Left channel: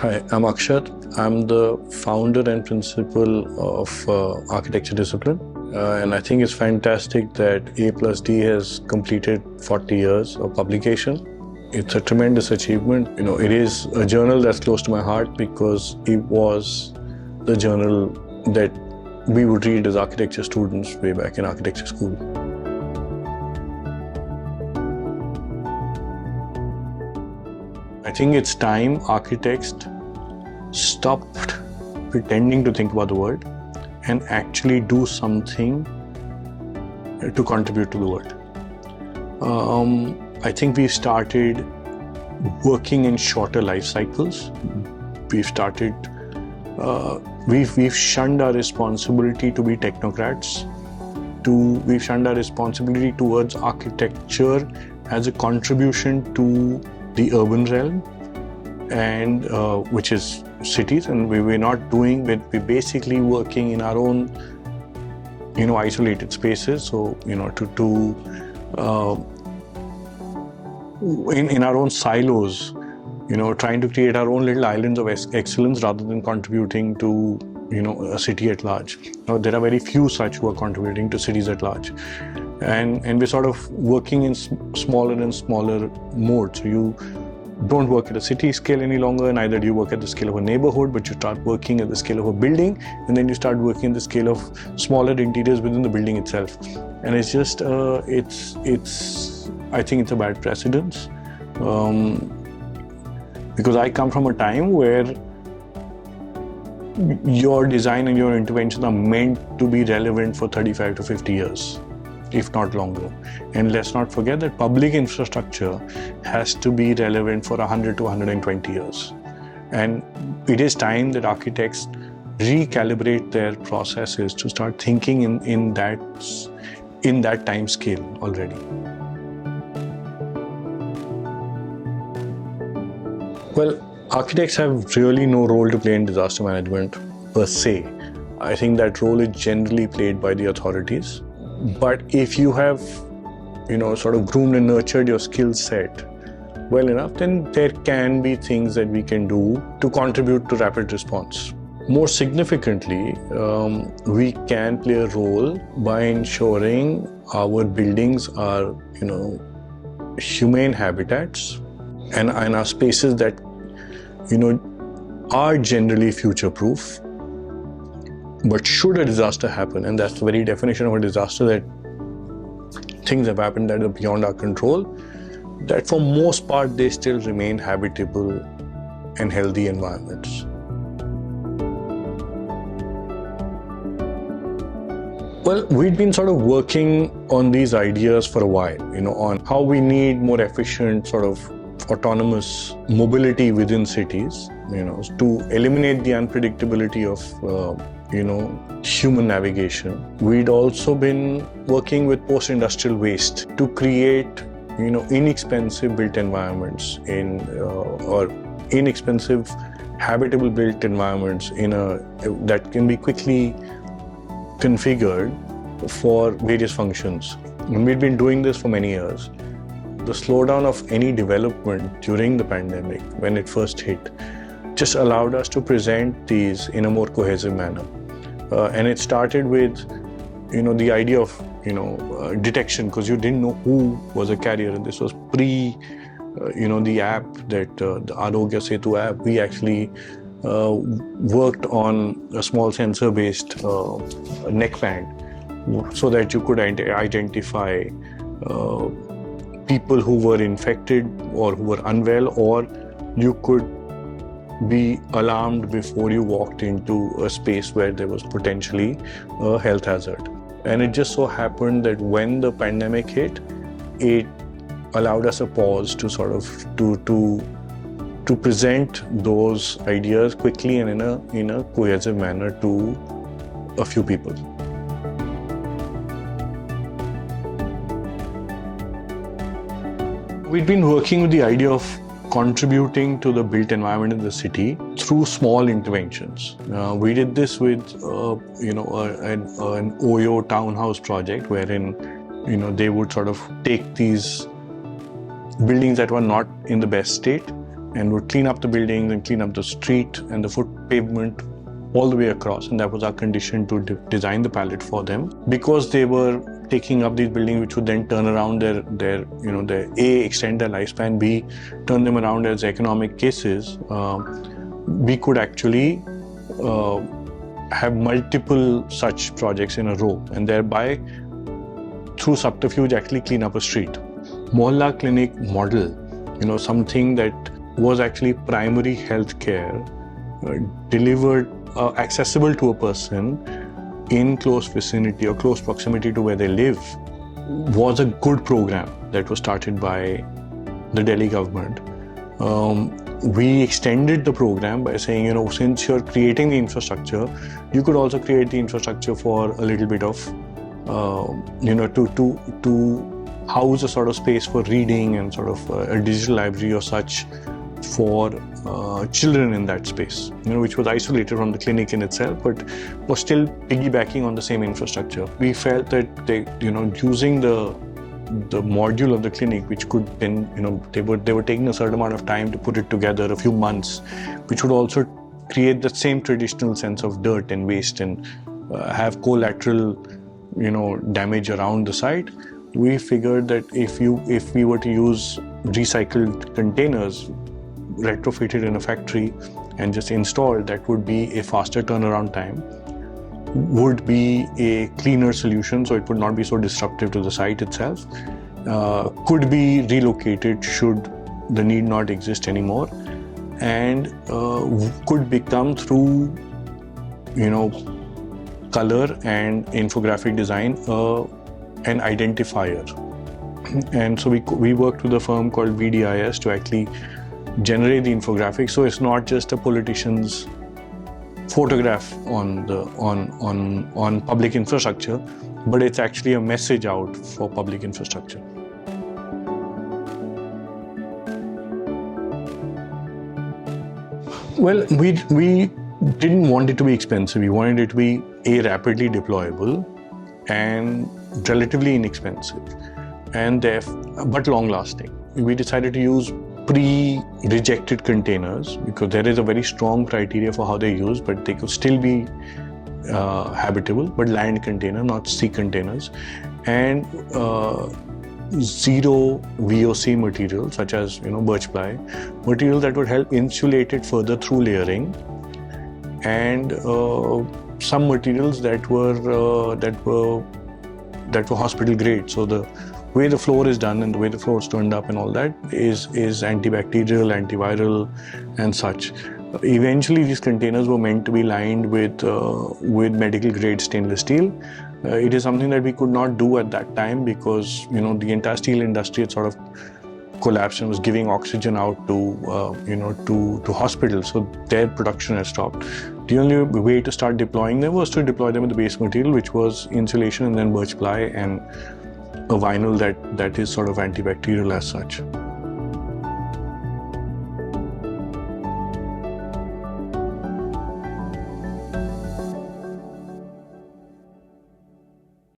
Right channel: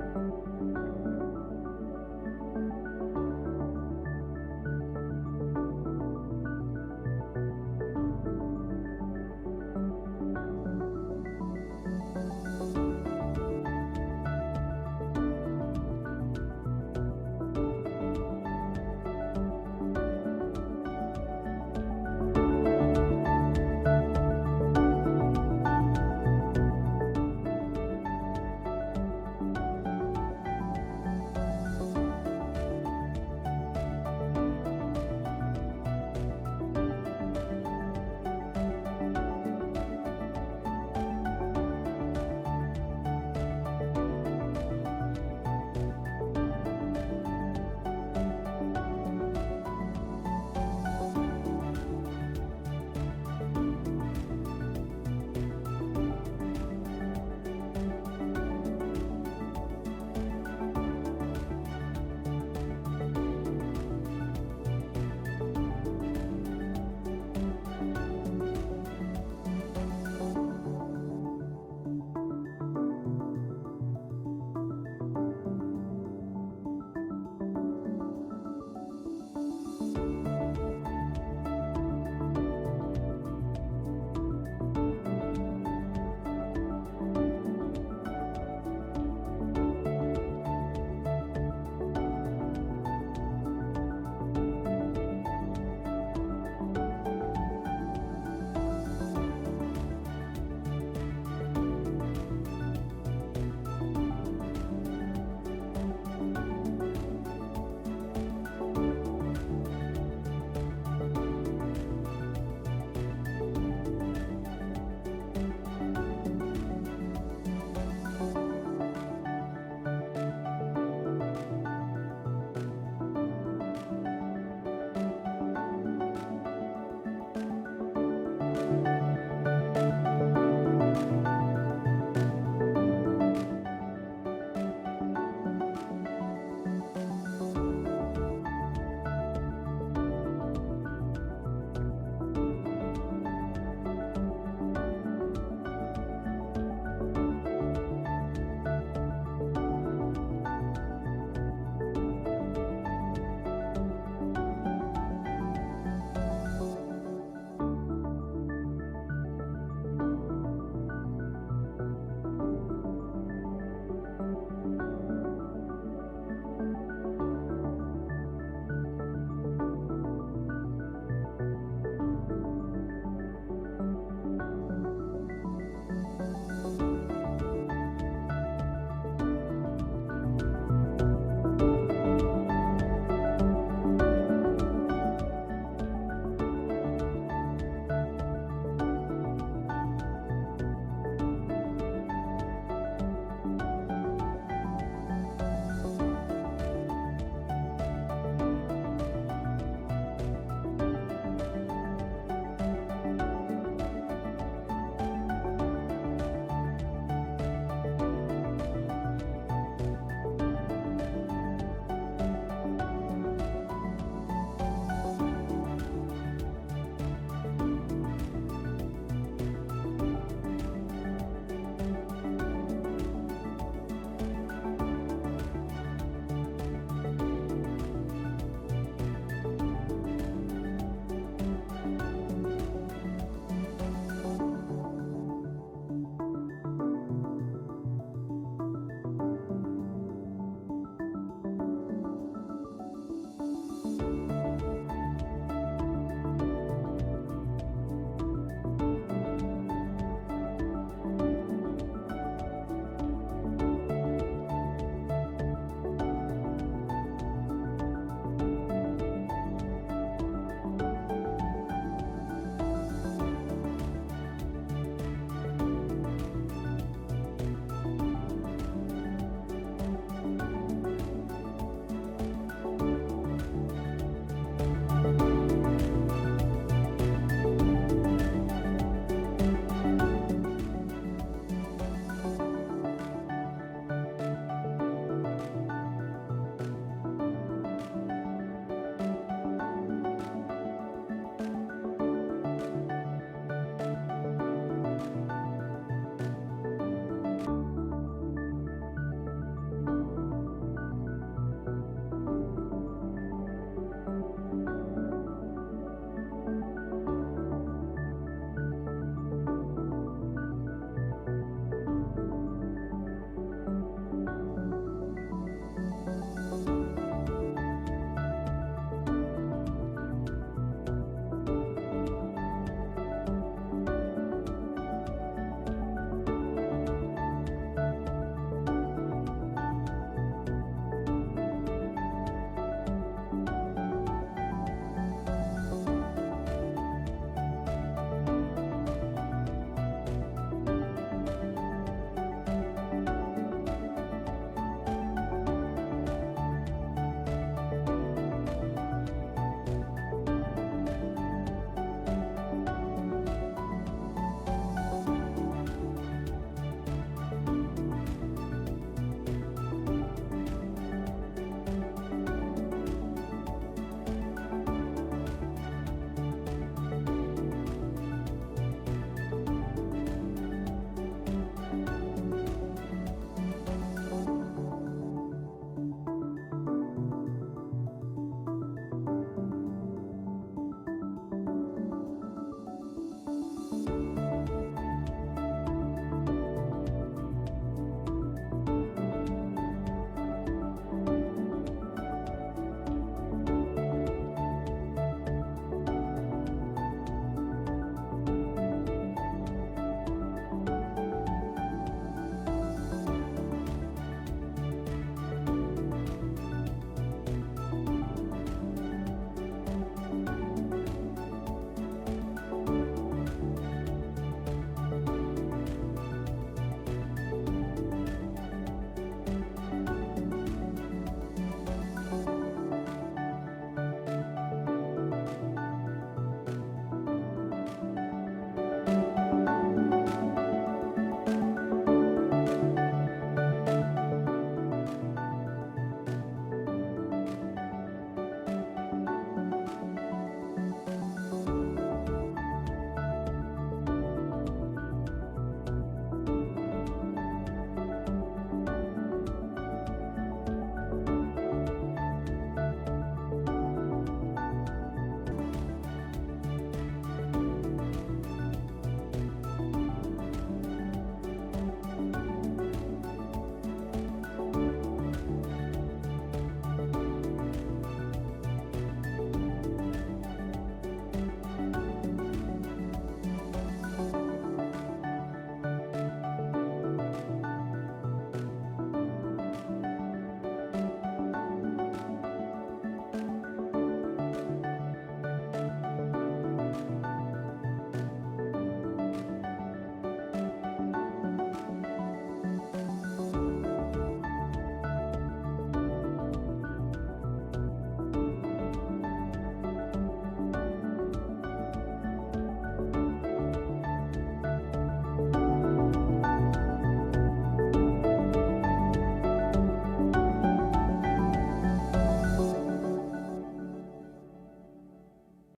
Hi, I'm Akshat. I'm the founder and principal of Architecture Discipline. And I think it's fantastic that A+D has completed 40 years of publication. It's a tremendous achievement. It is a journal that's close to my heart because it was the journal that we would read as architecture students way back in architecture school. I think it's time architects stopped pretending to think about the world and actually do something to contribute to the world. I think we've started working in shorter life cycles. We've shunned our responsibility to be technocrats. We've shunned our responsibility towards architecture as a contribution to the urban realm, and which is cities, and we're not doing. We're basically working in our own, isolated spaces. So in our own silos, trying to create our own little islands of excellence rather than contributing to a city at large. There are very few such who are contributing to cities at large. And we're sort of working in smaller and smaller modes. You don't work at a city scale any longer, neither do you work at the scale of a neighborhood, but you start working at the scale of a building, and then you start working at the scale of smaller interiors within the building itself. And it's just, I think it's a bad precedence. Because I come from a time where your design and your interventions are meant to be relevant for 35 to 50 years. If not longer. And let's not forget that public infrastructure has to be relevant for 100 to 120 years. And it is time that architects recalibrate their processes to start thinking in that time scale already. Well, architects have really no role to play in disaster management per se. I think that role is generally played by the authorities. But if you have, sort of groomed and nurtured your skill set well enough, then there can be things that we can do to contribute to rapid response. More significantly, we can play a role by ensuring our buildings are, humane habitats and are spaces that, are generally future-proof. But should a disaster happen, and that's the very definition of a disaster, that things have happened that are beyond our control, that for most part they still remain habitable and healthy environments. Well, we've been sort of working on these ideas for a while, on how we need more efficient sort of autonomous mobility within cities, to eliminate the unpredictability of human navigation. We'd also been working with post-industrial waste to create, inexpensive built environments or inexpensive habitable built environments that can be quickly configured for various functions. And we've been doing this for many years. The slowdown of any development during the pandemic, when it first hit, just allowed us to present these in a more cohesive manner. And it started with, the idea of, detection, because you didn't know who was a carrier. And this was pre, the app that, the Arogya Setu app, we actually worked on a small sensor-based neckband so that you could identify people who were infected or who were unwell, or you could be alarmed before you walked into a space where there was potentially a health hazard. And it just so happened that when the pandemic hit, it allowed us a pause to sort of to present those ideas quickly and in a cohesive manner to a few people. We've been working with the idea of contributing to the built environment in the city through small interventions. We did this with, an Oyo townhouse project wherein, they would sort of take these buildings that were not in the best state and would clean up the buildings and clean up the street and the foot pavement all the way across, and that was our condition to design the palette for them. Because they were taking up these buildings which would then turn around their A, extend their lifespan, B, turn them around as economic cases, we could actually have multiple such projects in a row, and thereby through subterfuge actually clean up a street. Mohalla clinic model, something that was actually primary health care delivered accessible to a person in close vicinity or close proximity to where they live, was a good program that was started by the Delhi government. We extended the program by saying, since you're creating the infrastructure, you could also create the infrastructure for a little bit of, to house a sort of space for reading and sort of a digital library or such for children in that space, which was isolated from the clinic in itself, but was still piggybacking on the same infrastructure. We felt that using the module of the clinic, which could then, they were taking a certain amount of time to put it together, a few months, which would also create the same traditional sense of dirt and waste and have collateral, damage around the site. We figured that if we were to use recycled containers retrofitted in a factory and just installed, that would be a faster turnaround time, would be a cleaner solution, so it would not be so disruptive to the site itself, could be relocated should the need not exist anymore, and could become through color and infographic design an identifier. And so we worked with a firm called VDIS to actually generate the infographic, so it's not just a politician's photograph on public infrastructure, but it's actually a message out for public infrastructure. Well, we didn't want it to be expensive. We wanted it to be rapidly deployable and relatively inexpensive, but long-lasting. We decided to use pre-rejected containers because there is a very strong criteria for how they're used, but they could still be habitable, but land container, not sea containers, and zero VOC material such as birch ply, material that would help insulate it further through layering, and some materials that were hospital grade. So the way the floor is done and the way the floor is turned up and all that is antibacterial, antiviral, and such. Eventually, these containers were meant to be lined with medical grade stainless steel. It is something that we could not do at that time because the entire steel industry had sort of collapsed and was giving oxygen out to hospitals, so their production had stopped. The only way to start deploying them was to deploy them with the base material, which was insulation and then birch ply and a vinyl that is sort of antibacterial as such.